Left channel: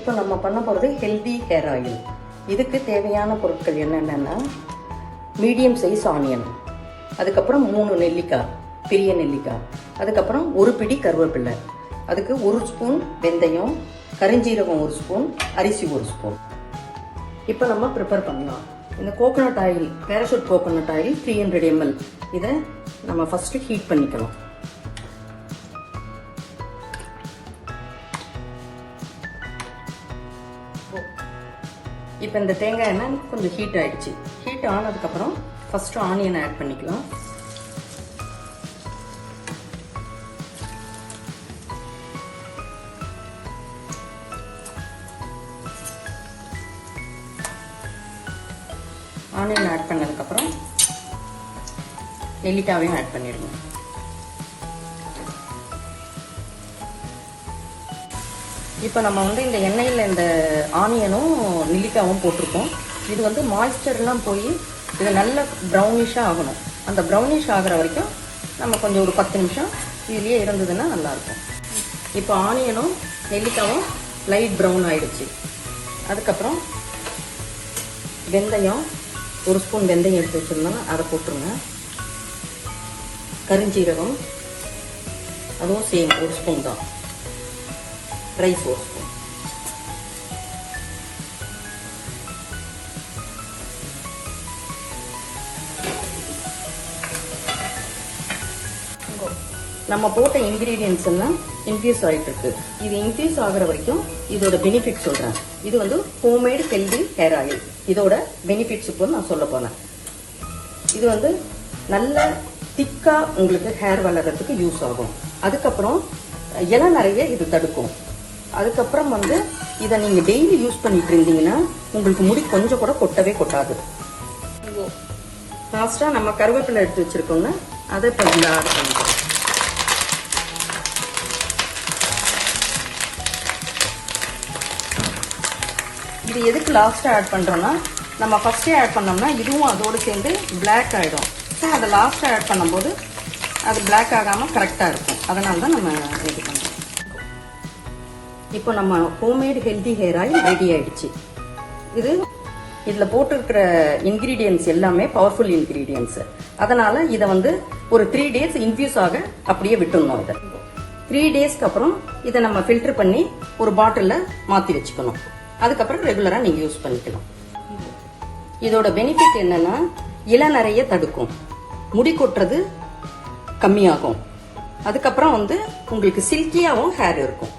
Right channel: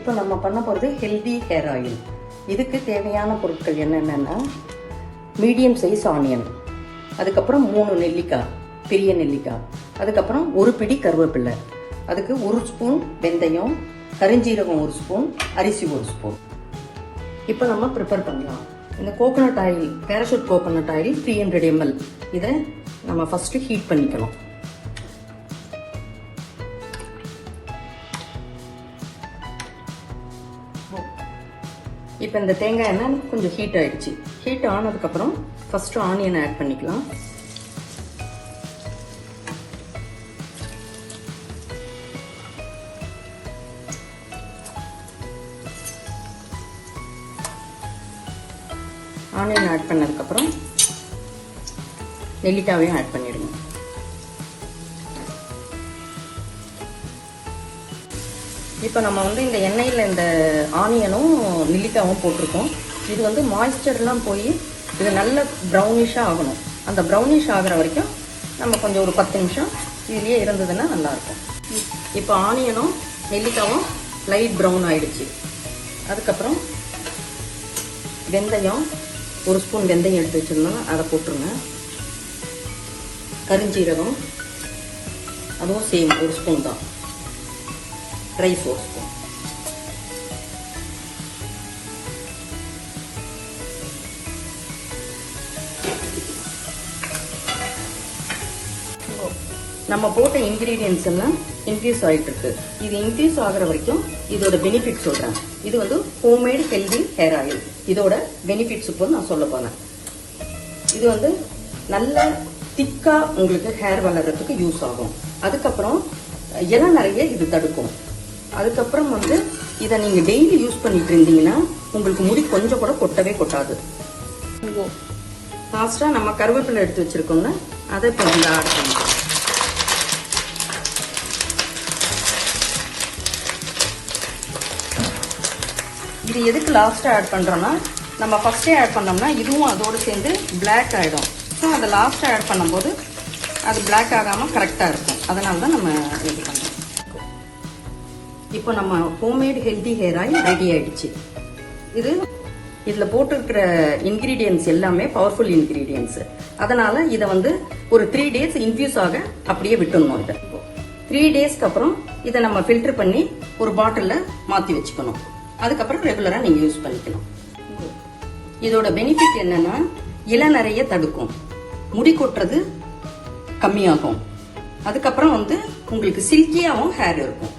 இப்போ நம்ம பண்ண போகிறது ஹெல்தி ஹேர் ஆயில். இதுக்கு தேவையான பொருட்கள் என்னென்னா, மீடியம் சைஸ் ஆனியன், அதுக்கப்புறம் 3 நெல்லிக்காய், பெரிய நெல்லிக்காய், அதுக்கப்புறம் ஒரு பிடி கருவேப்பிலை, அதுக்கு 1 ஸ்பூன் வெந்தயம், கரிஞ்சீரகம் 1 ஸ்பூன், அரிசி 1 ஸ்பூன். இப்போ நம்ம ப்ரிப்பேர் பண்ணலாம். இந்த coconut oil, parachute coconut oil 300 ml. இதை நம்ம ஃபர்ஸ்ட் ஹீட் பண்ணிக்கலாம். இப்போ இந்த தேங்காய் எண்ணெய் கொஞ்சம் ஹீட் ஆயிடுச்சு. ஹீட் ஆனதுக்கப்புறம் ஃபர்ஸ்ட் ஆனியன் ஆட் பண்ணிக்கலாம். ஆனியன் ஆட் பண்ணதுக்கப்புறம் நெல்லிக்காவையும் ஆட் பண்ணிடுங்க. இப்போ நம்ம இந்த எண்ணெயில் இந்த ஆனியனும் நெல்லிக்காவும் போட்டிருக்கோம். இது மாய்ஸ்சர்லாம் போய் இது நல்ல ப்ரௌனிஷாக ஆகணும். அந்த ப்ரௌனிஷ் ஆகிற வரைக்கும் நம்ம கொஞ்சம் ஒரு 10 நிமிஷம் இதுலேயே இருந்ததுன்னா நல்லாயிருக்கும். இப்போ ஆனியனும் நெல்லிக்காவும் லைட் ப்ரௌன் ஆயிடுச்சு. அதுக்கப்புறம் வெந்தயம் 1 ஸ்பூன் வெந்தயம் எடுத்து வச்சுருந்தோம், அதை போட்டுருங்க. கரிஞ்சீரகம் அதுவும் சேம் 1 ஸ்பூன் தான். Try 4 spoon. நம்ம போட்ட இன்கிரீடியன்ஸ் எல்லாம் இன்க்ரீஸ் ஆகிட்டு இருக்கு. இது இன்க்ரீஸ் ஆகிற வரைக்கும் இதோட பெனிஃபிட் சொல்றேன். இது ஹோம்மேட் ஹெல்தி ஹேர் ஆயில். இதோட பெனிஃபிட்ஸ் இப்போ நான் சொல்ல போறேன். இது நல்ல திக்கா உங்களுக்கு ஹேர் வளர்றதுக்கு யூஸ் ஆகும். அதுக்கப்புறம் இலை நிறைய இது தடுக்கும். அதுக்கப்புறம் இதை நீங்க டெய்லி யூஸ் பண்ணிட்டு இருந்தீங்கன்னா உங்களுக்கு முடி கொஞ்சம் கூட கொட்டவே கொட்டாது. லாஸ்டா நம்ம கருவேப்பிலை எடுத்து வச்சிருக்கோம்னா அதை இது எதுக்கு லாஸ்டா ஆட் பண்றோம்னா, நம்ம ஃபர்ஸ்டே ஆட் பண்ணோம்னா இதுவும் அதோட சேர்ந்து பிளாக் ஆயிடும். அதை லாஸ்டா ஆட் பண்ணும்போது அது பிளாக் ஆகாம கரெக்டா இருக்கும். அதனால தான் நம்ம இப்போ நம்ம homemade healthy hair oil ready ஆயிடுச்சு. இதுல போட்டிருக்கிற இன்கிரீடியன்ஸ் எல்லாமே பவர்ஃபுல் இன்கிரீடியன்ஸ். அதனால இதை ஒரு 3 days இன்ஃபியூஸ் ஆக அப்படியே விட்டுணும். 3 daysக்கு அப்புறம் இதை நம்ம ஃபில்டர் பண்ணி ஒரு பாட்டில்ல மாத்தி வச்சுக்கணும். அதுக்கப்புறம் ரெகுலரா நீங்க யூஸ் பண்ணிக்கலாம். இதோட பெனிஃபிட் என்னன்னா, இலை நிறைய தடுக்கும், முடி கொட்டுறது கம்மியாகும். அதுக்கப்புறம் உங்களுக்கு சில்கியாவும் ஹேர் இருக்கும்.